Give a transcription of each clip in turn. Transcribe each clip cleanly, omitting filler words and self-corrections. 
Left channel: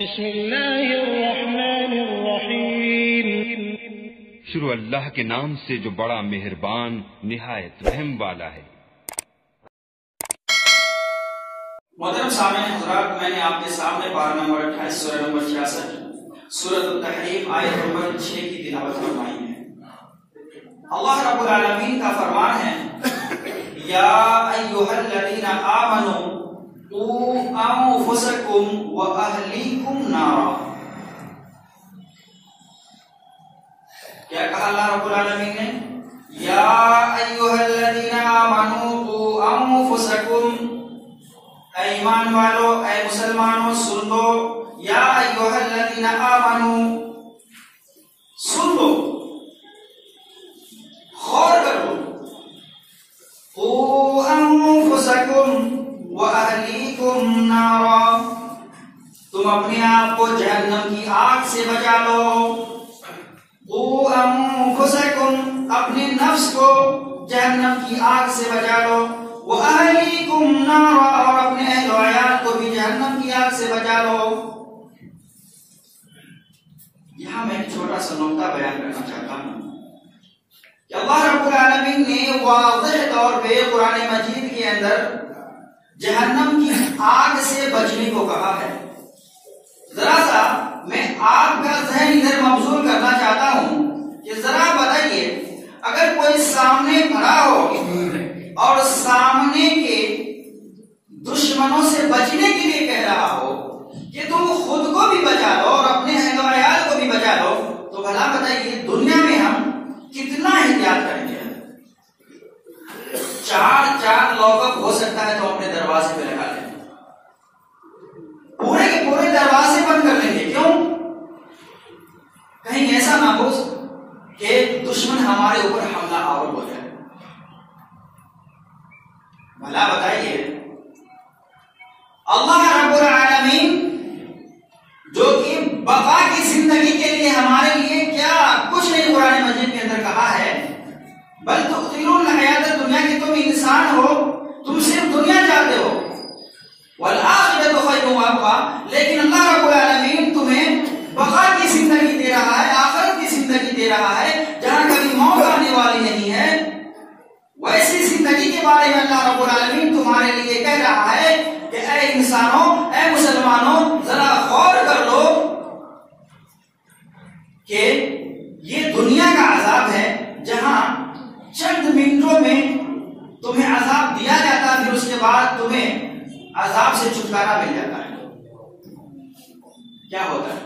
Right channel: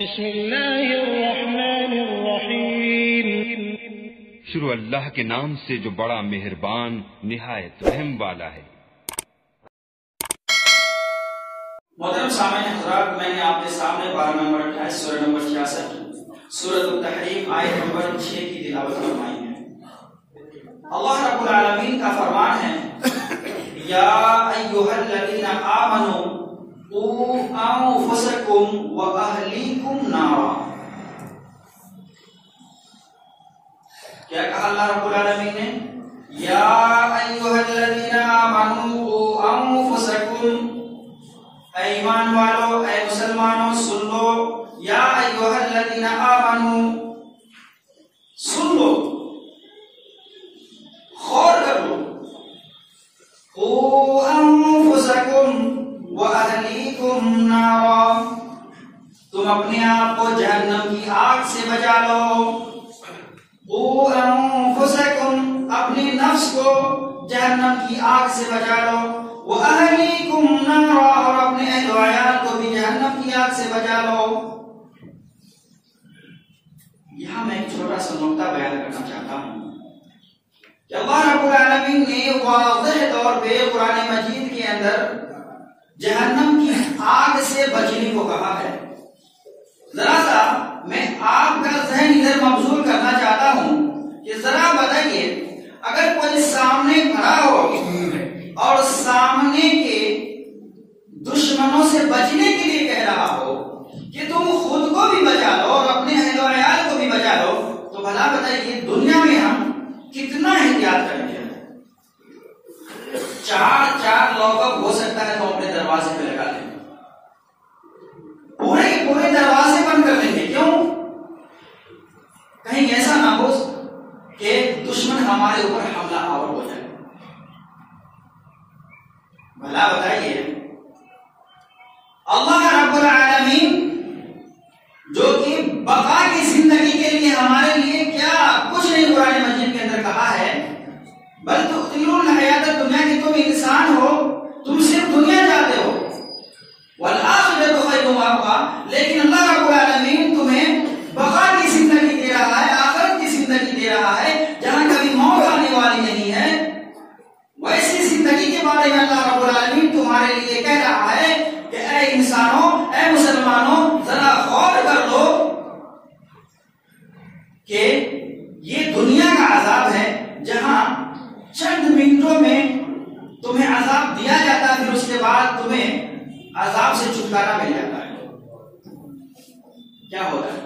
بسم اللہ الرحمن الرحیم، شروع اللہ کے نام سے جو بڑا مہربان نہایت رحم والا ہے۔ محترم سامعین حضرات، میں نے آپ کے سامنے پارہ نمبر 28 سورہ نمبر 66 سورۃ التحریم آیت نمبر 6 کی تلاوت فرمائی ہے۔ اللہ رب العالمین کا فرمان ہے، یا ایھا الذین آمنوا قوا انفسکم واہلیکم نارا۔ کیا کہا اللہ رب العالمین نے؟ یا ایھا الذین آمنوا قوا انفسکم، اے ایمان والو، اے مسلمانوں سن لو، یا ایھا الذین آمنوا، سن لو، غور کرو، قوا انفسکم واہلیکم نارا، تم اپنے آپ کو جہنم کی آگ سے بچا لو۔ قوا انفسکم، اپنے نفس کو جہنم کی آگ سے بچا لو، وَأَهْلِيكُمْ نَارًا، اور اپنے اہل و عیال کو بھی جہنم کی آگ سے بچا لو۔ یہاں میں ایک چھوٹا سا نقطہ بیان کرنا چاہتا ہوں کہ اللہ رب العالمین نے واضح طور پہ قرآن مجید کے اندر جہنم کی آگ سے بچنے کو کہا ہے۔ ذرا سا میں آپ کا ذہن ادھر مبذول کرنا چاہتا ہوں کہ ذرا بتائیے، اگر کوئی سامنے کھڑا ہو اور سامنے کے دشمنوں سے بچنے کے لیے کہہ رہا ہو کہ تم خود کو بھی بچا لو اور اپنے اہل و عیال کو بھی بچا لو، تو بھلا بتائیے دنیا میں ہم کتنا احتیاط کریں گے؟ چار لاک اپ ہو سکتا ہے تو اپنے دروازے پہ لگا لیں، پورے کے پورے دروازے بند کر لیں گے۔ کیوں؟ کہیں ایسا نہ ہو کہ دشمن ہمارے اوپر حملہ آور ہو جائے۔ بھلا بتائیے اللہ رب العالمین جو کہ بقا کی زندگی کے لیے ہمارے لیے کیا کچھ نہیں قرآن مجید کے اندر کہا ہے، بل تؤثرون الحیات الدنیا، کہ تم انسان ہو، تم صرف دنیا چاہتے ہو، والآخرۃ خیر وابقیٰ، لیکن اللہ رب العالمین تمہیں بقا کی زندگی دے رہا ہے، آخرت کی زندگی دے رہا ہے، جہاں کبھی موت آنے والی نہیں ہے۔ ویسی زندگی کے بارے میں اللہ رب العالمین تمہارے لیے کہہ رہا ہے کہ اے انسانوں، اے مسلمانوں، ذرا غور کر لو کہ یہ دنیا کا عذاب ہے جہاں چند منٹوں میں تمہیں عذاب دیا جاتا ہے، پھر اس کے بعد تمہیں عذاب سے چھٹکارا مل جاتا ہے۔ کیا ہوتا ہے؟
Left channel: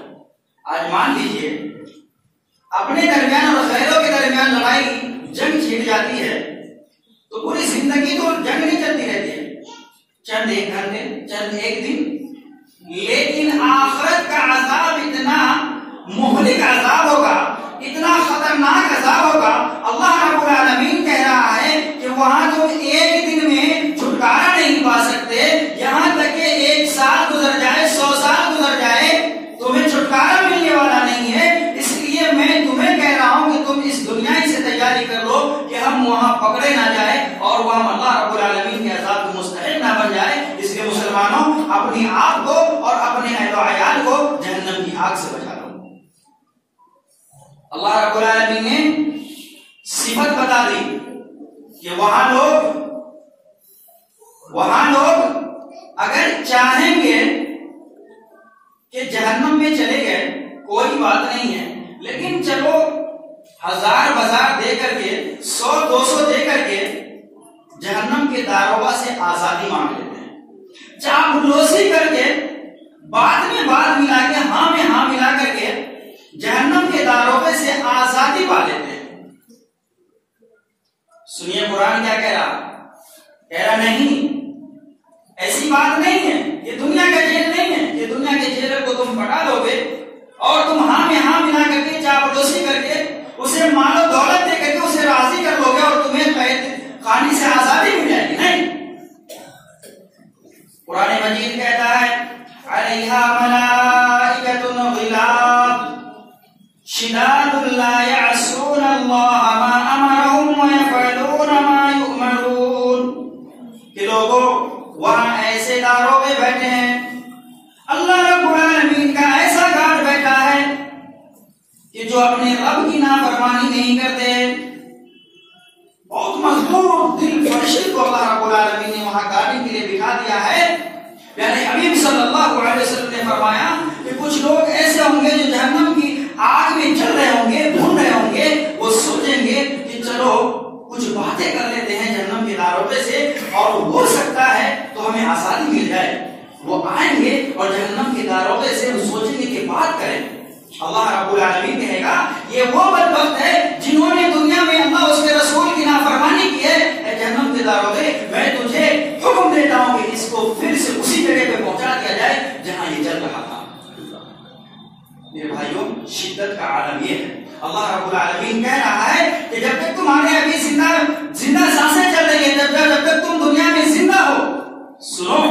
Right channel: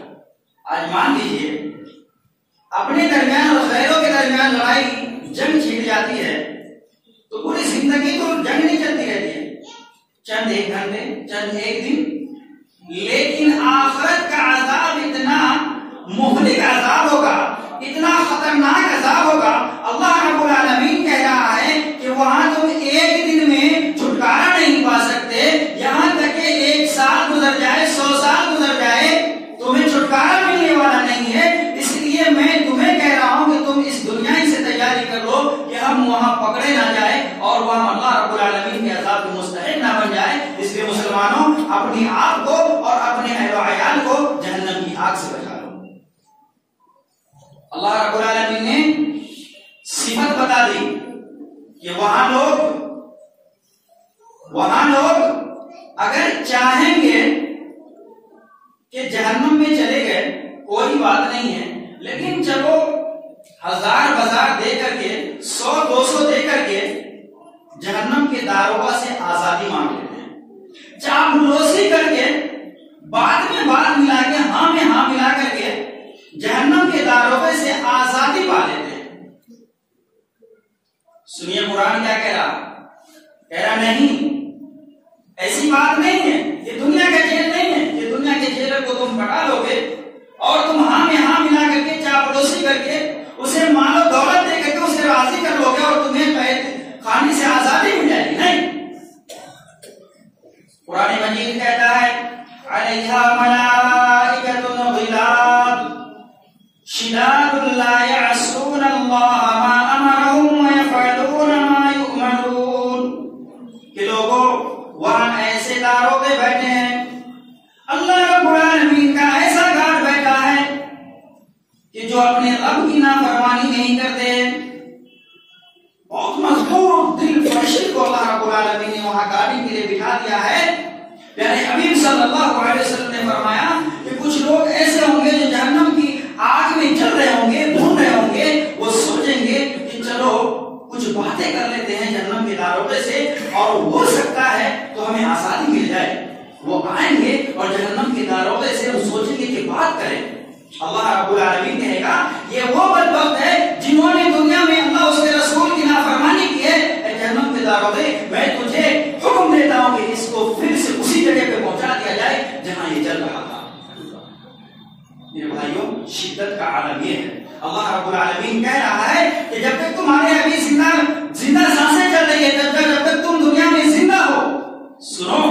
آج مان لیجیے اپنے درمیان اور غیروں کے درمیان لڑائی جنگ چھڑ جاتی ہے تو پوری زندگی تو جنگ نہیں چلتی رہتی ہے، چند ایک گھنٹے، چند ایک دن، لیکن آخرت کا عذاب اتنا مہلک عذاب ہوگا، اتنا خطرناک عذاب ہوگا۔ اللہ رب العالمین کہہ رہا ہے کہ وہاں تم ایک دن میں چھٹکارا نہیں پا سکتے، یہاں تک کہ 1 سال گزر جائے، 100 سال گزر جائے، تمہیں چھٹکارا ملنے والا نہیں ہے۔ اس لیے میں تمہیں کہہ رہا ہوں کہ تم اس دنیا ہی سے تیاری کر لو کہ ہم وہاں پکڑے نہ جائیں اور وہاں اللہ رب العالمین کے عذاب کو مستحق نہ بن جائے۔ اس لیے مسلمانوں، اپنی آپ کو اور اپنے اہل و عیال کو جہنم کی آگ سے بچا لو۔ اللہ رب العالمین نے صفت بتا دی کہ وہاں لوگ اگر چاہیں گے کہ جہنم میں چلے گئے کوئی بات نہیں ہے، لیکن چلو 1000 دے کر کے، 100-200 دے کر کے جہنم کے داروغہ سے آزادی مانگ لیتے ہیں، چاپلوسی کر کے بعد میں بات ملا کے، ہاں میں ہاں ملا کر کے جہنم کے داروغے سے آزادی پا لیتے ہیں۔ سنیے قرآن کیا کہہ رہا نہیں، ایسی بات نہیں ہے، یہ دنیا کا جیل نہیں ہے، یہ دنیا کے جیل کو تم پٹا لو گے اور تم ہاں میں ہاں ملا کر کے، چاپلوسی کر کے، اسے مال و دولت دے کر کے اسے راضی کر لو گے اور تمہیں قید خانے سے آزادی مل جائے گی۔ نہیں، قرآن مجید کہتا ہے علیہا ملائکۃ غلاظ شداد لا یعصون اللہ ما امرهم ویفعلون ما یؤمرون، کہ لوگوں وہاں ایسے داروغے بیٹھے ہیں، اللہ رب العالمین کا جو اپنے رب کی نافرمانی نہیں کرتے. بہت مضبوط دل فرشت کو اللہ رب العالمین نے وہاں گاڑی کے لیے بٹھا دیا ہے. یعنی حبیب صلی اللہ علیہ وسلم نے فرمایا کہ کچھ لوگ ایسے ہوں گے جو جہنم کی آگ میں جل رہے ہوں گے, بھون رہے ہوں گے. وہ سوچیں گے کہ چلو کچھ باتیں کر لیتے ہیں جہنم کے داروغے سے, اور ہو سکتا ہے تو ہمیں آزادی مل جائے. وہ آئیں گے اور جہنم کے داروغے سے وہ سوچیں گے کہ بات کریں. اللہ رب العالمین کہے گا یہ وہ بدبخت ہے جنہوں نے دنیا میں اللہ اس کے رسول کی نافرمانی کی ہے. اے جہنم کے داروغے, میں تجھے حکم دیتا ہوں کہ اس کو پھر سے اسی جگہ پہ پہنچا دیا جائے جہاں یہ چل رہا تھا. میرے بھائیوں, شدت کا عالم یہ ہے. اللہ رب العالمین کہہ رہا ہے کہ جب تک تمہارے ابھی زندہ سانسیں چل رہی ہے, جب تک تم دنیا میں زندہ ہو, سنو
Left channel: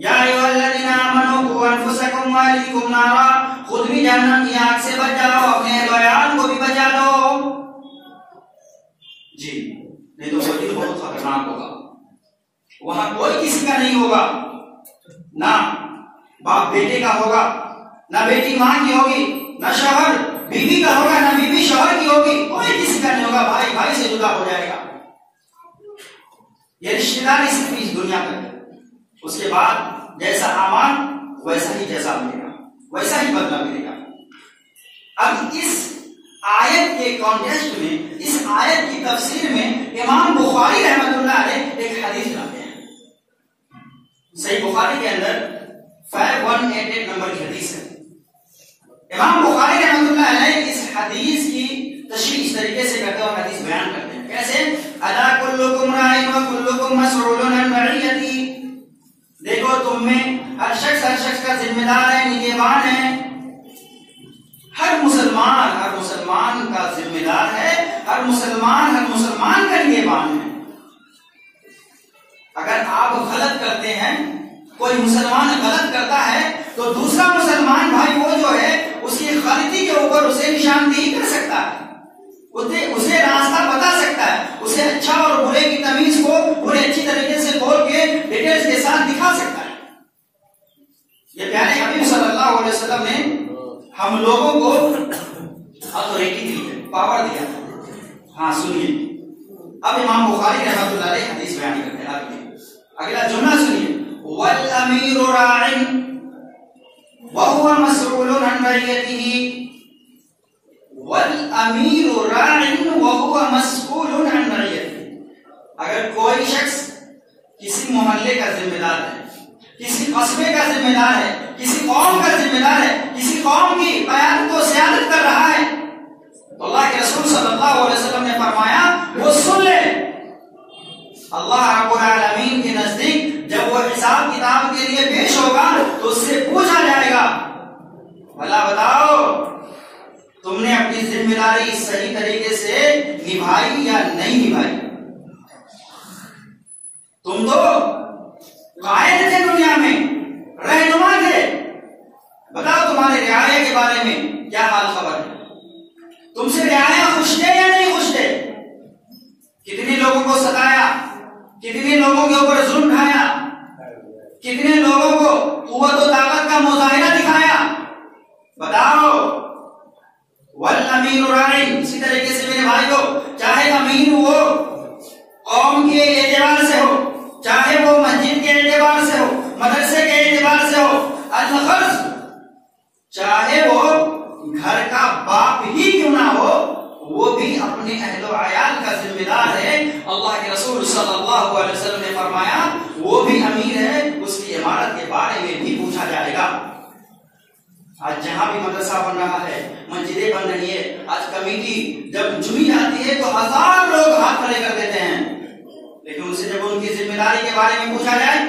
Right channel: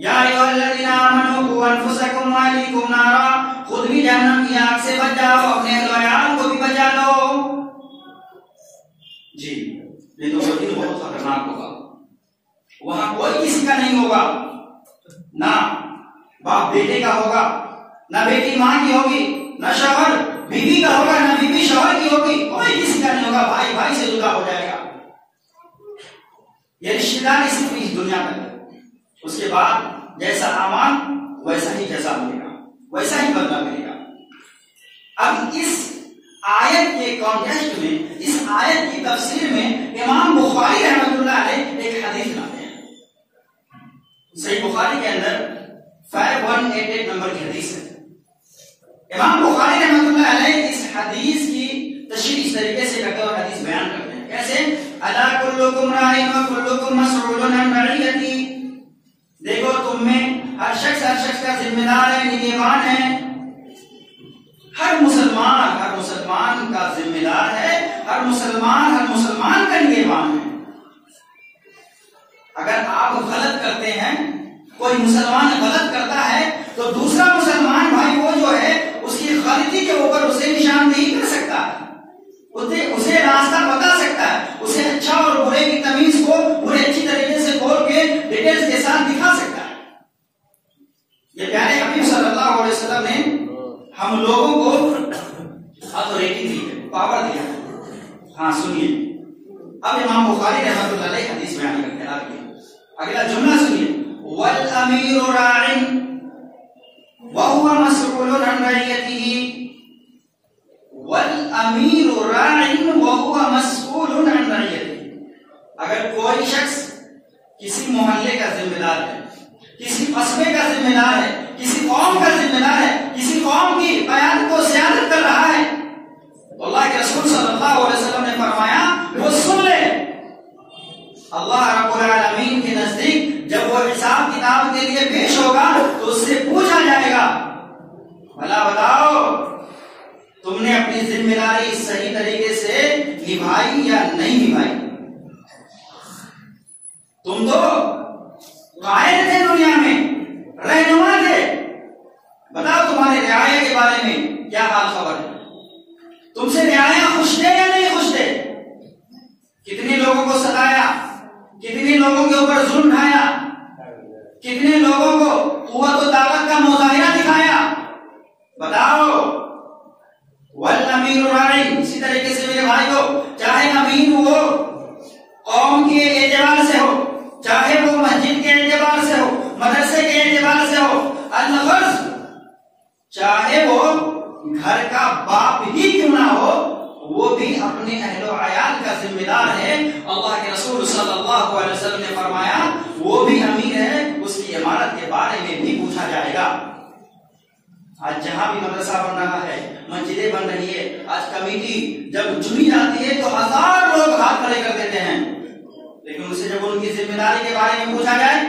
یا ایھا الذین آمنوا قوا انفسکم واہلیکم نارا, خود بھی جہنم کی آگ سے بچ جاؤ, اپنے اہل و عیال کو بھی بچا لو. جی نہیں تو وہ دن بہت خطرناک ہوگا. وہاں کوئی کسی کا نہیں ہوگا, نہ باپ بیٹے کا ہوگا, نہ بیٹی ماں کی ہوگی, نہ شوہر بیوی کا ہوگا, نہ بیوی شوہر کی ہوگی. کوئی کسی کا نہیں ہوگا. بھائی بھائی سے جدا ہو جائے گا. یہ رشتے داری صرف اس دنیا میں. اس کے بعد جیسا اعمال ویسا ہی جزا ملے گا, ویسا ہی بدلہ ملے گا. اب اس آیت کے کانٹیکسٹ میں, اس آیت کی تفسیر میں امام بخاری رحمۃ اللہ علیہ ایک حدیث لاتے ہیں. صحیح بخاری کے اندر 5188 نمبر کی حدیث ہے. امام بخاری رحمۃ اللہ علیہ اس حدیث کی تشریح اس طریقے سے کرتے اور حدیث بیان کرتے ہیں. کیسے؟ الا کلکم راع و کلکم مسئول عن رعیتہ. دیکھو تم میں ہر شخص کا ذمہ دار ہے, نگہبان ہے. ہر مسلمان کا ذمہ دار ہے. ہر مسلمان کا نگہبان ہے. اگر آپ غلط کرتے ہیں, کوئی مسلمان غلط کرتا ہے, تو دوسرا مسلمان بھائی وہ جو ہے اس کی غلطی کے اوپر اسے نشاندہی کر سکتا ہے, اسے راستہ بتا سکتا ہے, اسے اچھا اور برے کی تمیز کو برے اچھی طریقے سے کھول کے ڈیٹیلز کے ساتھ دکھا سکتا ہے. یہ پیارے حبیب صلی اللہ علیہ وسلم نے ہم لوگوں کو اتھارٹی دی ہے, پاور دیا ہے. ہاں سنیے, اب امام بخاری رحمۃ اللہ علیہ حدیث بیان کرتے ہیں. اگلا جملہ سنیے, والامیر راع وهو مسؤول عن رعیتہ. والامیر راع وهو مسؤول عن رعیتہ. اگر کوئی شخص کسی محلے کا ذمہ دار ہے, کسی قصبے کا ذمہ دار ہے, کسی قوم کا ذمہ دار ہے, کسی قوم کی قیادت و سیادت کر رہا ہے, تو اللہ کے رسول صلی اللہ علیہ وسلم نے فرمایا وہ سن لے. اللہ رب العالمین کے نزدیک جب وہ حساب کتاب کے لیے پیش ہوگا تو اس سے پوچھا جائے گا, بھلا بتاؤ تم نے اپنی ذمہ داری صحیح طریقے سے نبھائی یا نہیں نبھائی. تم تو قائد تھے دنیا میں, رہنما تھے, بتاؤ تمہارے رعایا کے بارے میں کیا حال خبر ہے. تم سے رعایا خوش تھے یا نہیں خوش تھے؟ کتنے لوگوں کو ستایا, کتنے لوگوں کے اوپر ظلم ڈھایا, کتنے لوگوں کو قوت و طاقت کا مظاہرہ دکھایا. بتاؤ. والامیر راع, اسی طریقے سے میرے بھائی کو, چاہے امیر ہو قوم کے اعتبار سے ہو, چاہے وہ مسجد کے اعتبار سے ہو, مدرسے کے اعتبار سے ہو, الغرض چاہے وہ گھر کا باپ ہی کیوں نہ ہو, وہ بھی اپنے اہل و عیال کا ذمہ دار ہے. اللہ کے رسول صلی اللہ علیہ وسلم نے فرمایا وہ بھی امیر ہے, اس کی عمارت کے بارے میں بھی پوچھا جائے گا. آج جہاں بھی مدرسہ بن رہا ہے, مسجدیں بن رہی ہے, آج کمیٹی جب چنی جاتی ہے تو 1000 لوگ ہاتھ کھڑے کر دیتے ہیں, لیکن ان سے جب ان کی ذمہ داری کے بارے میں پوچھا جائے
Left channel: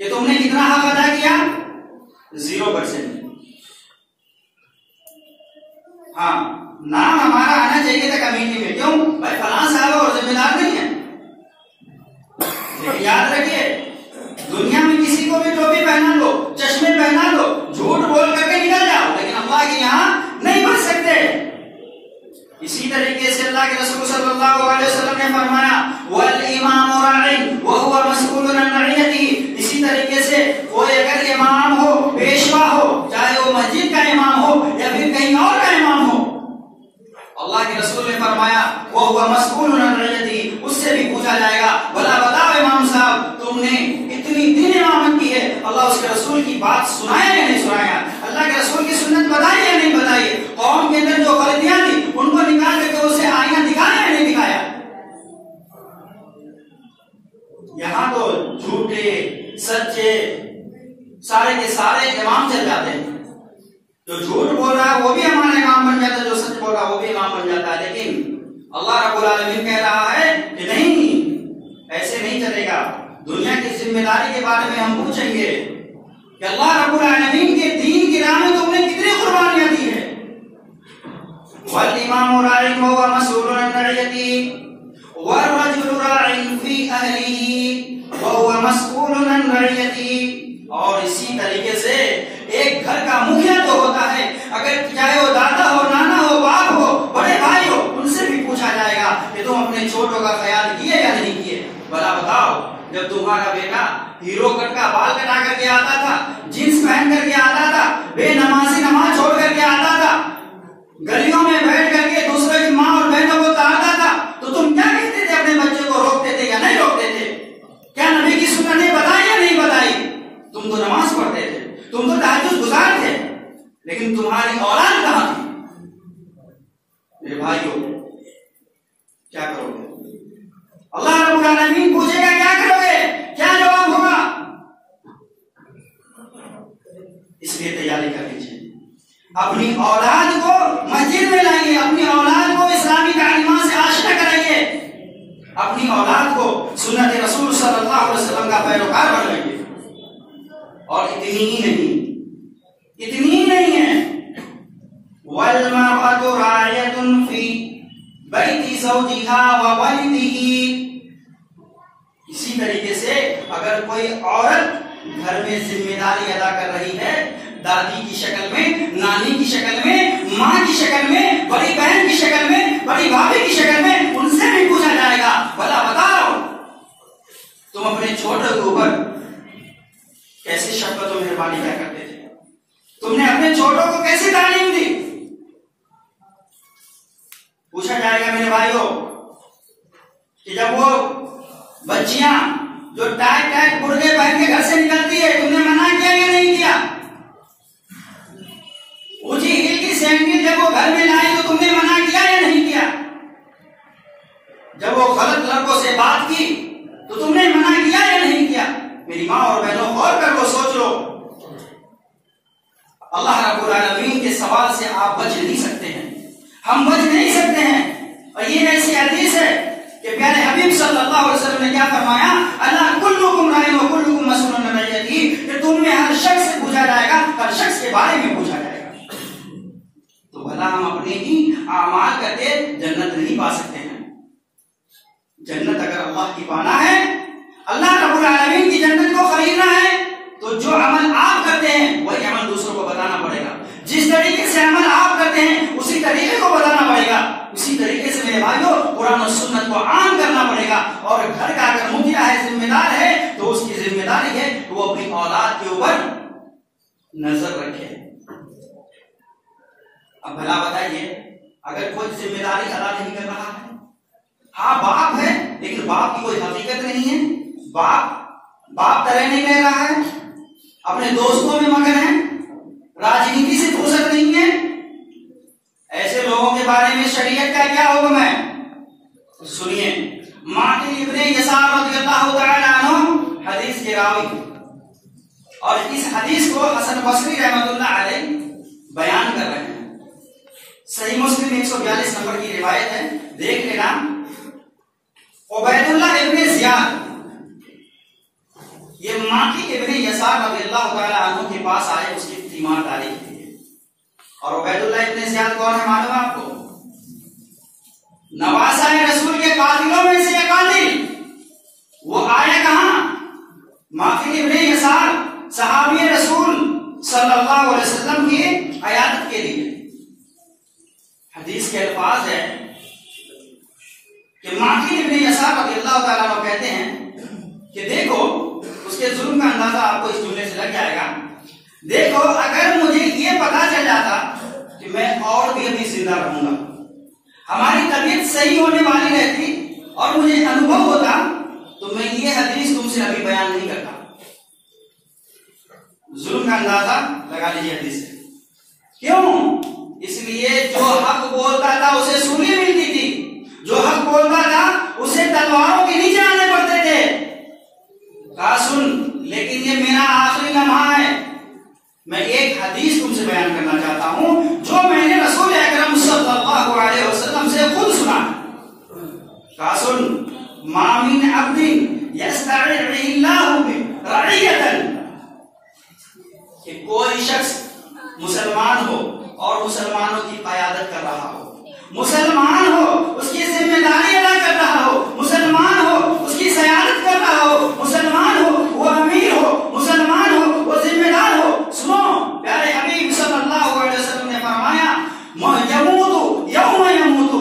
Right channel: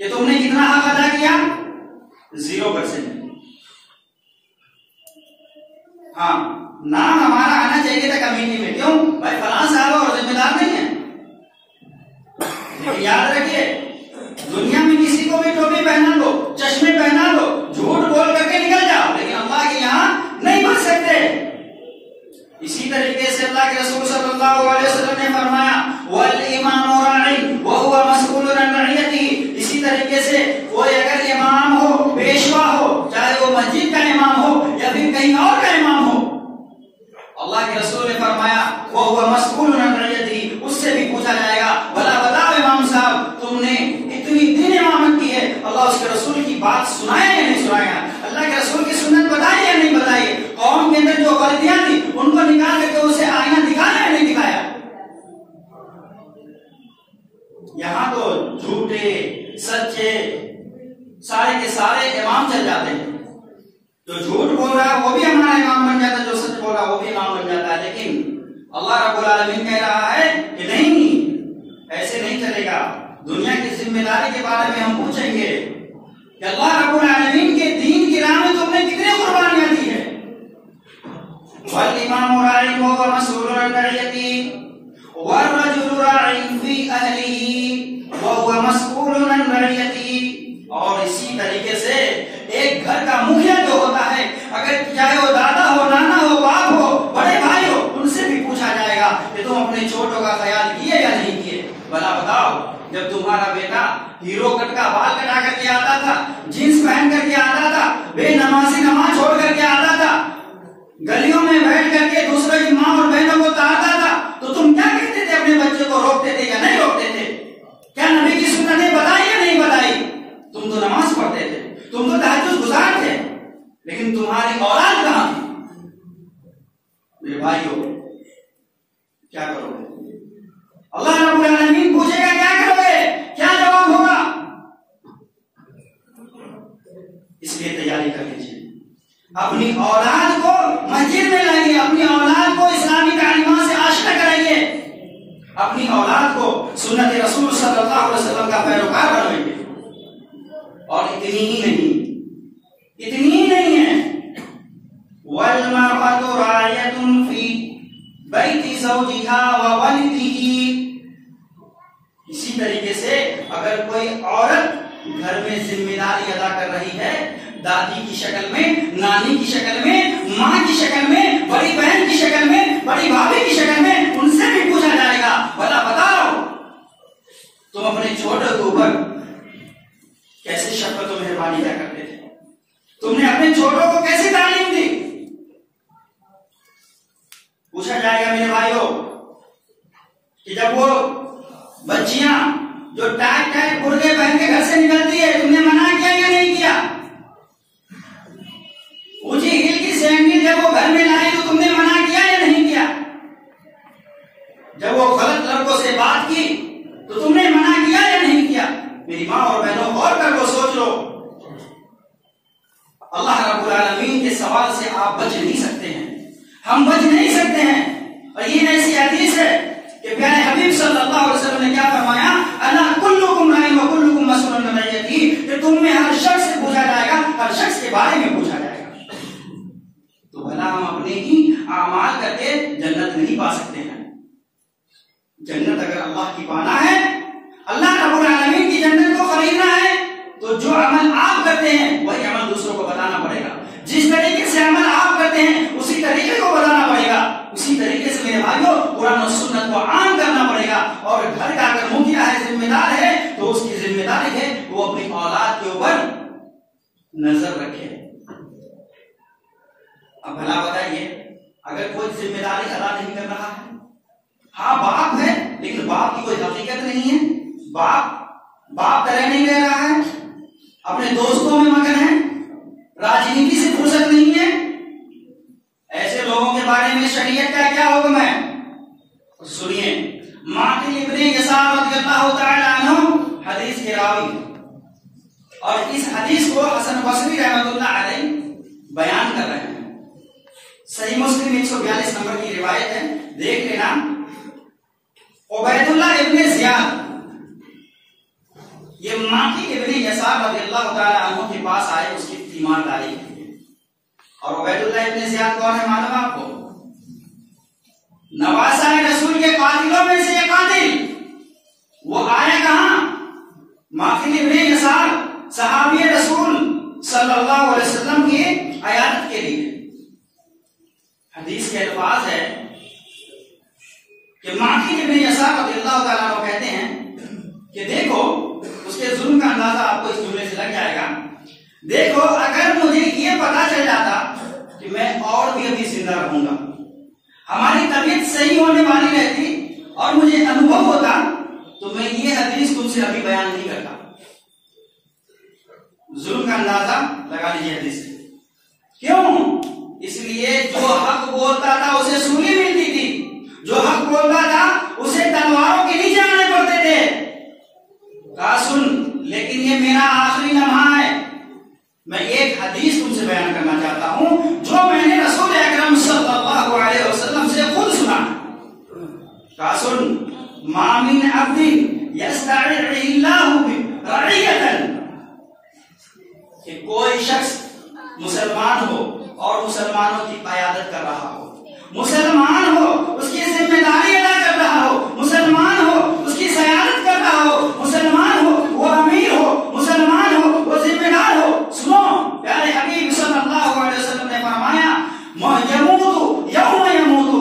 کہ تم نے کتنا حق ادا کیا, 0%. ہاں, نام ہمارا آنا چاہیے تھا کمیٹی میں, کیوں بھائی فلاں صاحب اور ذمہ دار نہیں ہے. لیکن یاد رکھیے دنیا میں کسی کو بھی ٹوپی پہنا لو, چشمے پہنا لو, جھوٹ بول کر کے نکل جاؤ, لیکن اللہ کے یہاں نہیں بچ سکتے. اسی طریقے سے اللہ کے رسول صلی اللہ علیہ وسلم نے فرمایا والامام راع وهو مسؤول عن رعیتہ. اسی طریقے سے کوئی اگر امام ہو, پیشوا ہو, چاہے وہ مسجد کا امام ہو یا پھر کہیں اور کا امام ہو, فرمایا وَهُوَ مَسْئُولٌ عَنْ رَعِيَّتِهِ، اس سے بھی پوچھا جائے گا. بھلا بتاؤ امام صاحب تم نے اتنی دین امامت کی ہے، اللہ اس کے رسول کی بات سنایا یا نہیں سنایا؟ اللہ کے رسول کی سنت بتائی یا نہیں بتائی؟ قوم کے اندر جو غلطیاں تھی ان کو نکال کر کے اسے آئینہ دکھایا یا نہیں دکھایا؟ یہاں تو جھوٹے سچے سارے کے سارے امام چل جاتے ہیں. جو جھوٹ بول رہا ہے وہ بھی ہمارا امام بن جاتا ہے، جو سچ بول رہا ہے وہ بھی امام بن جاتا ہے. لیکن اللہ رب العالمین کہہ رہا ہے کہ نہیں، ایسے نہیں چلے گا. دنیا کی ذمہ داری کے بارے میں ہم پوچھیں گے کہ اللہ رب العالمین کے دین کی راہ میں تم نے کتنی قربانیاں دی ہے. والامام راع وهو مسؤول عن رعيته والرجل راع في اهله وهو مسؤول عن رعيته. اور اسی طریقے سے ایک گھر کا مکھیا جو ہوتا ہے، اگر چاہے وہ دادا ہو، نانا ہو، باپ ہو، بڑے بھائی ہو، ان سے بھی پوچھا جائے گا کہ تم اپنے چھوٹوں کا خیال کیے یا نہیں کیے. بھلا بتاؤ جب تمہارا بیٹا ہیرو کٹ کا بال کٹا کر کے آتا تھا، جینس پہن کر کے آتا تھا، بے نمازی نماز چھوڑ کر کے آتا تھا، گلیوں میں بیٹھ کر کے دوسرے کی ماں اور بہنوں کو تارتا تھا، تو تم کیا کہتے تھے؟ اپنے بچے کو روکتے تھے یا نہیں روکتے تھے؟ کیا نبی کی سنت نے بتائی یا نہیں بتائی؟ تم تو نماز پڑھتے تھے، تم تو تہجد گزار تھے، لیکن تمہاری اولاد کہاں تھی؟ میرے بھائیو کیا کرو گے؟ اللہ رب العالمین پوچھے گا کیا کرو گے؟ کیا جواب ہوگا؟ اس لیے تیاری کر لیجیے. اپنی اولاد کو مسجد میں لائیے، اپنی اولاد کو اسلامی تعلیمات سے آشنا کرائیے، اپنی اولاد کو سنت رسول صلی اللہ علیہ وسلم کا پیروکار بنائیے. اور اتنی ہی نہیں ہے وَالْمَرْأَةُ رَاعِيَةٌ فِي بَيْتِ زَوْجِهَا وَوَلِدِهِ. اسی طریقے سے اگر کوئی عورت گھر میں ذمہ داری ادا کر رہی ہے، دادی کی شکل میں، نانی کی شکل میں، ماں کی شکل میں، بڑی بہن کی شکل میں، بڑی بھابھی کی شکل میں، ان سے بھی پوچھا جائے گا بھلا بتاؤ تم اپنے چھوٹے کے اوپر کیسی شفقت و مہربانی کیا کرتے تھے؟ تم نے اپنے چھوٹوں کو کیسی تعلیم دی؟ پوچھا جائے گا میرے بھائیوں کہ جب وہ بچیاں جو ٹائٹ ٹائٹ برقعے پہن کے گھر سے نکلتی ہے، تم نے منع کیا یا نہیں کیا؟ اونچی ہیل کی سینڈل جب وہ گھر میں لائی تو تم نے منع کیا یا نہیں کیا؟ جب وہ غلط لڑکوں سے بات کی تو تم نے منع کیا یا نہیں کیا؟ میری ماں اور بہنوں غور کر لو، سوچ لو. اللہ رب العالمین کے سوال سے آپ بچ نہیں سکتے ہیں، ہم بچ نہیں سکتے ہیں. اور یہ ایسی حدیث ہے کہ پیارے حبیب صلی اللہ علیہ وسلم نے کیا فرمایا؟ اللہ کلکم راع وکلکم مسئول عن رعیتہ، کہ تم میں ہر شخص سے پوچھا جائے گا، ہر شخص کے بارے میں پوچھا جائے گا. تو بھلا ہم اپنے ہی اعمال کر کے جنت نہیں پا سکتے ہیں؟ جنت اگر اللہ کی پانا ہے، اللہ رب العالمین کی جنت کو خریدنا ہے، تو جو عمل آپ کرتے ہیں وہی عمل دوسروں کو بتانا پڑے گا. جس طریقے سے عمل آپ کرتے ہیں اسی طریقے کو بتانا پڑے گا. اسی طریقے سے میرے بھائیوں قرآن و سنت کو عام کرنا پڑے گا. اور گھر کا اگر مکھیا ہے، ذمہ دار ہے، تو اس کی ذمہ داری ہے کہ وہ اپنی اولاد کے اوپر نظر رکھے. اب بھلا بتائیے اگر کوئی ذمہ داری ادا نہیں کر رہا ہے، ہاں باپ ہے لیکن باپ کی کوئی حقیقت نہیں ہے، باپ طرح نہیں رہ رہا ہے، اپنے دوستوں میں مگن ہے، راجنیتی سے فرصت نہیں ہے، ایسے لوگوں کے بارے میں شریعت کا کیا حکم ہے؟ سنیے. معقل ابن یسار رضی اللہ تعالی عنہ حدیث کے راوی، اور اس حدیث کو حسن بصری رحمۃ اللہ علیہ بیان کر رہے ہیں. صحیح مسلم 142 نمبر کی روایت ہے، دیکھ لینا. عبید اللہ ابن زیاد یہ معقل ابن یسار رضی اللہ تعالی عنہ کے پاس آئے اس کی تیمارداری کے لیے. اور عبید اللہ ابن زیاد کون ہے معلوم آپ کو؟ نواسہ رسول کے قاتلوں میں سے ایک قاتل. وہ آیا کہاں؟ معقل ابن یسار صحابی رسول صلی اللہ علیہ وسلم کی عیادت کے لیے. حدیث کے الفاظ ہے کہ معقل ابن یسار رضی اللہ تعالیٰ عنہ کہتے ہیں کہ دیکھو، اس کے ظلم کا اندازہ آپ کو اس جملے سے لگ جائے گا. دیکھو اگر مجھے یہ پتا چل جاتا کہ میں اور بھی ابھی زندہ رہوں گا، ہماری طبیعت صحیح ہونے والی رہتی اور مجھے انوبھو ہوتا تو میں یہ حدیث تم سے ابھی بیان نہیں کرتا. ظلم کا اندازہ لگا لیجیے حدیث سے. کیوں؟ اس لیے جو حق بولتا تھا اسے سولی ملتی تھی، جو حق بولتا تھا اسے تلواروں کے نیچے آنے پڑتے تھے. کہا سن، لیکن یہ میرا آخری لمحہ ہے. میں ایک حدیث تم سے بیان کرنا چاہتا ہوں جو میں نے رسول اکرم صلی اللہ علیہ وسلم سے خود سنا. کہا سن، ما من عبد یسترعی اللہ رعیۃ، کہ کوئی شخص مسلمان ہو اور مسلمانوں کی قیادت کر رہا ہو، مسلمان ہو اس کی ذمہ داری ادا کر رہا ہو، مسلمان ہو اس کی سیادت کر رہا ہو، مسلمان ہو وہ امیر ہو، مسلمان ہو وہ ذمہ دار ہو. سنو، پیارے حبیب صلی اللہ علیہ وسلم نے فرمایا یموت یوم یموت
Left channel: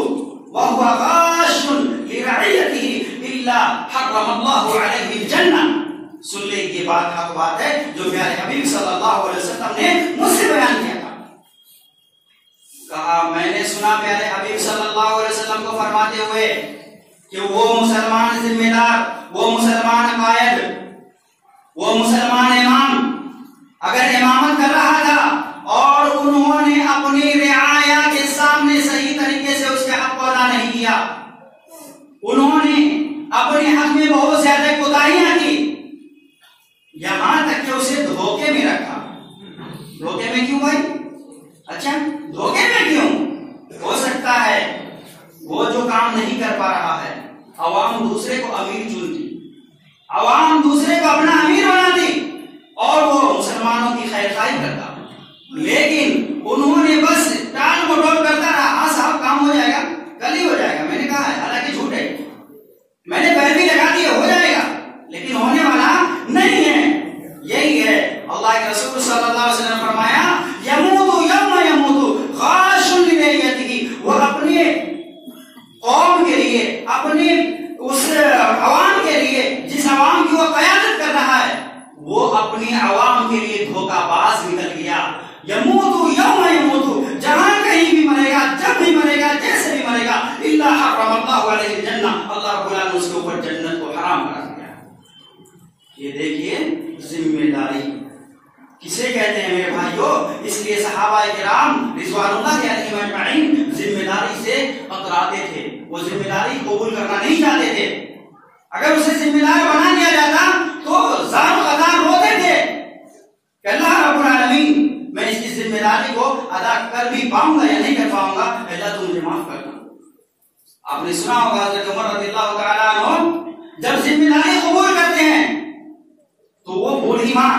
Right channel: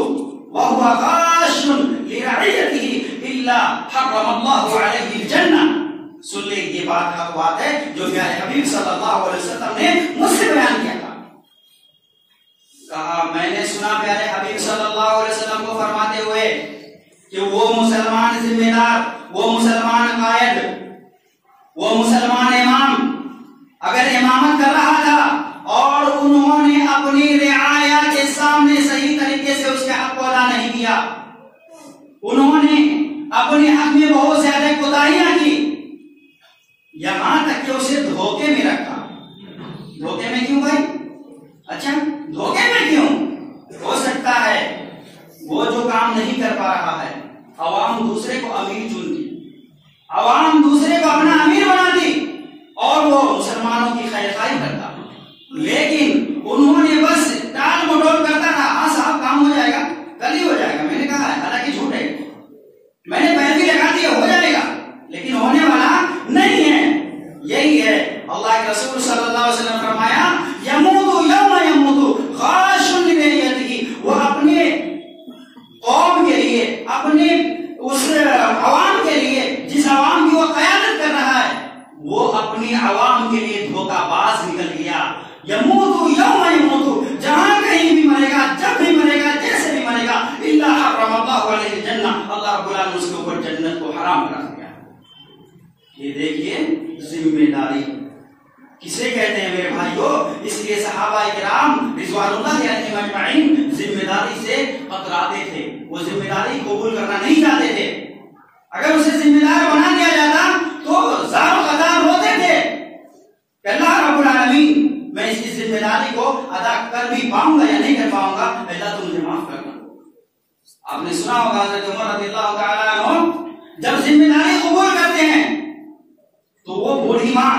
وهو غاش لرعیته الا حرم اللہ علیہ الجنہ. سن لے، یہ بات ہے جو پیارے حبیب صلی اللہ علیہ وسلم نے مجھ سے بیان کیا تھا. کہا میں نے سنا پیارے حبیب صلی اللہ علیہ وسلم کو فرماتے ہوئے کہ وہ مسلمان ذمہ دار، وہ مسلمان قائد، وہ مسلمان امام اگر امامت کر رہا تھا اور انہوں نے اپنی رعایا کے سامنے صحیح طریقے سے اس کے حق کو ادا نہیں کیا، انہوں نے اپنے حق میں بہت زیادہ کوتاہیاں کی، یہاں تک کہ اسے دھوکے میں رکھا. دھوکے میں کیوں بھائی؟ اچھا دھوکے میں کیوں؟ ہو سکتا ہے وہ جو کام نہیں کر پا رہا ہے، عوام دوسرے کو امیر چنتی، عوام دوسرے کو اپنا امیر بناتی اور وہ مسلمانوں کی خیر خواہی کرتا، لیکن انہوں نے بس ٹال مٹول کرتا رہا. ہاں صاحب کام ہو جائے گا، کل ہی ہو جائے گا. میں نے کہا ہے، حالانکہ جھوٹ ہے، میں نے پیروی لگا دی ہو جائے گا، لیکن ہونے والا نہیں ہے. یہی ہے اللہ کے رسول صلی اللہ علیہ وسلم نے فرمایا یموت یوم یموت غاش لرعیتہ، وہ اپنے قوم کے لیے، اپنے اس عوام کے لیے جس عوام کی وہ قیادت کر رہا ہے، وہ اپنی عوام کے لیے دھوکہ باز نکل گیا. یموت یوم یموت، جہاں کہیں بھی مرے گا، جب بھی مرے گا، جیسے بھی مرے گا، الا حرم اللہ علیہ الجنہ، اللہ رب العالمین اس کے اوپر جنت کو حرام کرا دیا. یہ دیکھیے ذمہ داری کسے کہتے ہیں میرے بھائیو. اس لیے صحابہ کرام رضوان اللہ علیہم اجمعین ذمہ داری سے کتراتے تھے، وہ ذمہ داری قبول کرنا نہیں چاہتے تھے. اگر اسے ذمہ دار بنا دیا جاتا تو زار و قطار روتے تھے کہ اللہ رب العالمین میں اس کی ذمہ داری کو ادا کر بھی پاؤں گا یا نہیں کر پاؤں گا، اللہ تو مجھے معاف کرنا. آپ نے سنا ہوگا حضرت عمر رضی اللہ تعالیٰ عنہ جب ذمہ داری قبول کرتے ہیں تو وہ بوڑھی ماں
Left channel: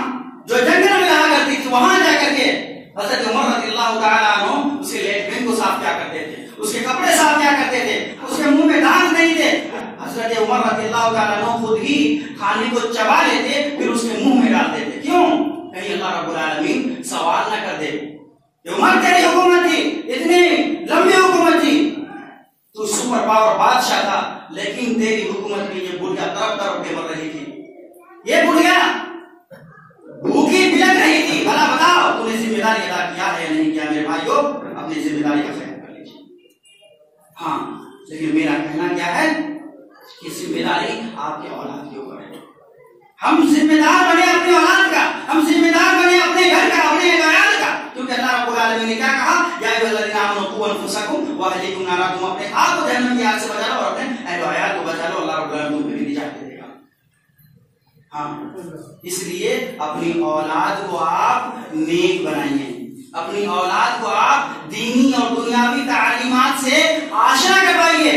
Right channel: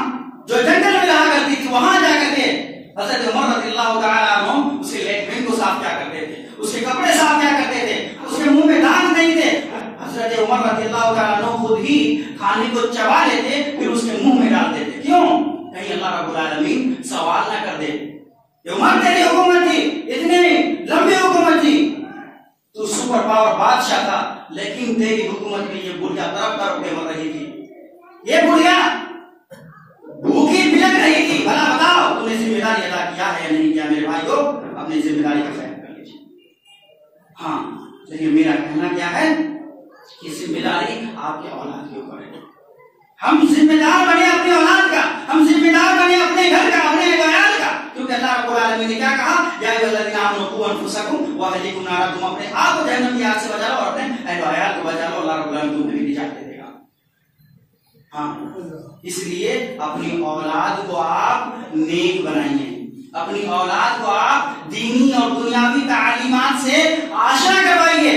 جو جنگل میں رہا کرتی تھی وہاں جا کر کے حضرت عمر رضی اللہ تعالیٰ عنہ اس کے لیٹرین کو صاف کیا کرتے تھے، اس کے کپڑے صاف کیا کرتے تھے، اس کے منہ میں دانت نہیں تھے. حضرت عمر رضی اللہ تعالیٰ عنہ خود ہی کھانے کو چبا لیتے پھر اس کے منہ میں ڈالتے تھے. کیوں؟ کہیں اللہ رب العالمین سوال نہ کر دے. عمر تیری حکومت تھی، اتنی لمبی حکومت تھی، تو سپر پاور بادشاہ تھا، لیکن تیری حکومت میں یہ بڑھیا طرف طرف پہ مر رہی تھی، یہ بڑھیا بھوکی بلک رہی تھی. بھلا بتاؤ تم نے ذمہ داری ادا کیا ہے یا نہیں کیا؟ میرے بھائی کو اپنی ذمہ داری کا خیال کر لیجیے. ہاں لیکن میرا کہنا کیا ہے کہ ذمہ داری آپ کے اولاد کے اوپر ہے. ہم ذمہ دار بنے اپنے اولاد کا، ہم ذمہ دار بنے اپنے گھر کا، اپنے عیال کا، کیونکہ اللہ رب العالمین نے کیا کہا، یا ایھا الذین آمنوا قوا انفسکم واہلیکم نارا، تم اپنے آپ کو جہنم کی آگ سے بچا لو اور اپنے اہل و عیال کو بچا لو، اللہ رب العالمین تمہیں بھی نجات دے گا. ہاں اس لیے اپنی اولاد کو آپ نیک بنائیے، اپنی اولاد کو آپ دینی اور دنیاوی تعلیمات سے آشنا کروائیے.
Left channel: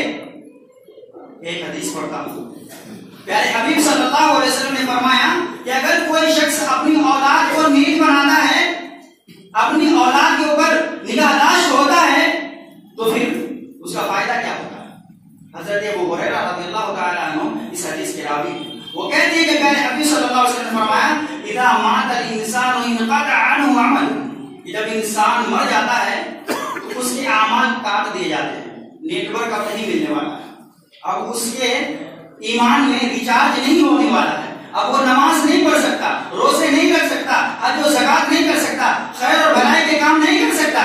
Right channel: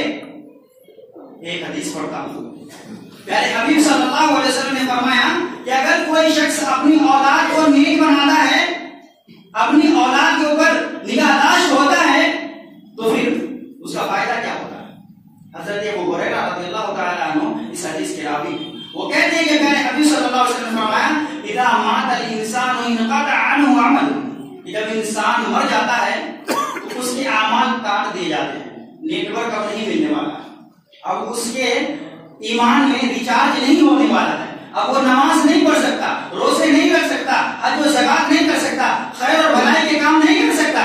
ایک حدیث پڑھتا ہوں، پیارے حبیب صلی اللہ علیہ وسلم نے فرمایا کہ اگر کوئی شخص اپنی اولاد کو نیک بناتا ہے، اپنی اولاد کے اوپر نگہداشت ہوتا ہے، تو پھر اس کا فائدہ کیا ہوتا ہے؟ حضرت ابو ہریرہ رضی اللہ تعالیٰ عنہ اس حدیث کے راوی، وہ کہتے ہیں کہ پیارے حبیب صلی اللہ علیہ وسلم نے فرمایا اذا مات الانسان انقطع عنه عمله، جب انسان مر جاتا ہے تو اس کے اعمال کاٹ دیے جاتے ہیں، نیٹ ورک اب نہیں ملنے والا ہے، اب اس کے ایمان میں ریچارج نہیں ہونے والا ہے، اب وہ نماز نہیں پڑھ سکتا، روزے نہیں رکھ سکتا، حج و زکات نہیں کر سکتا، خیر اور بھلائی کے کام نہیں کر سکتا.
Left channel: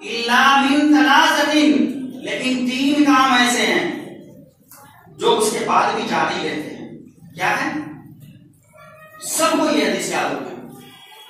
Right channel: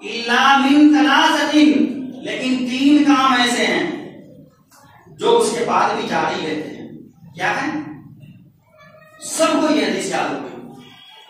الا من ثلاثه،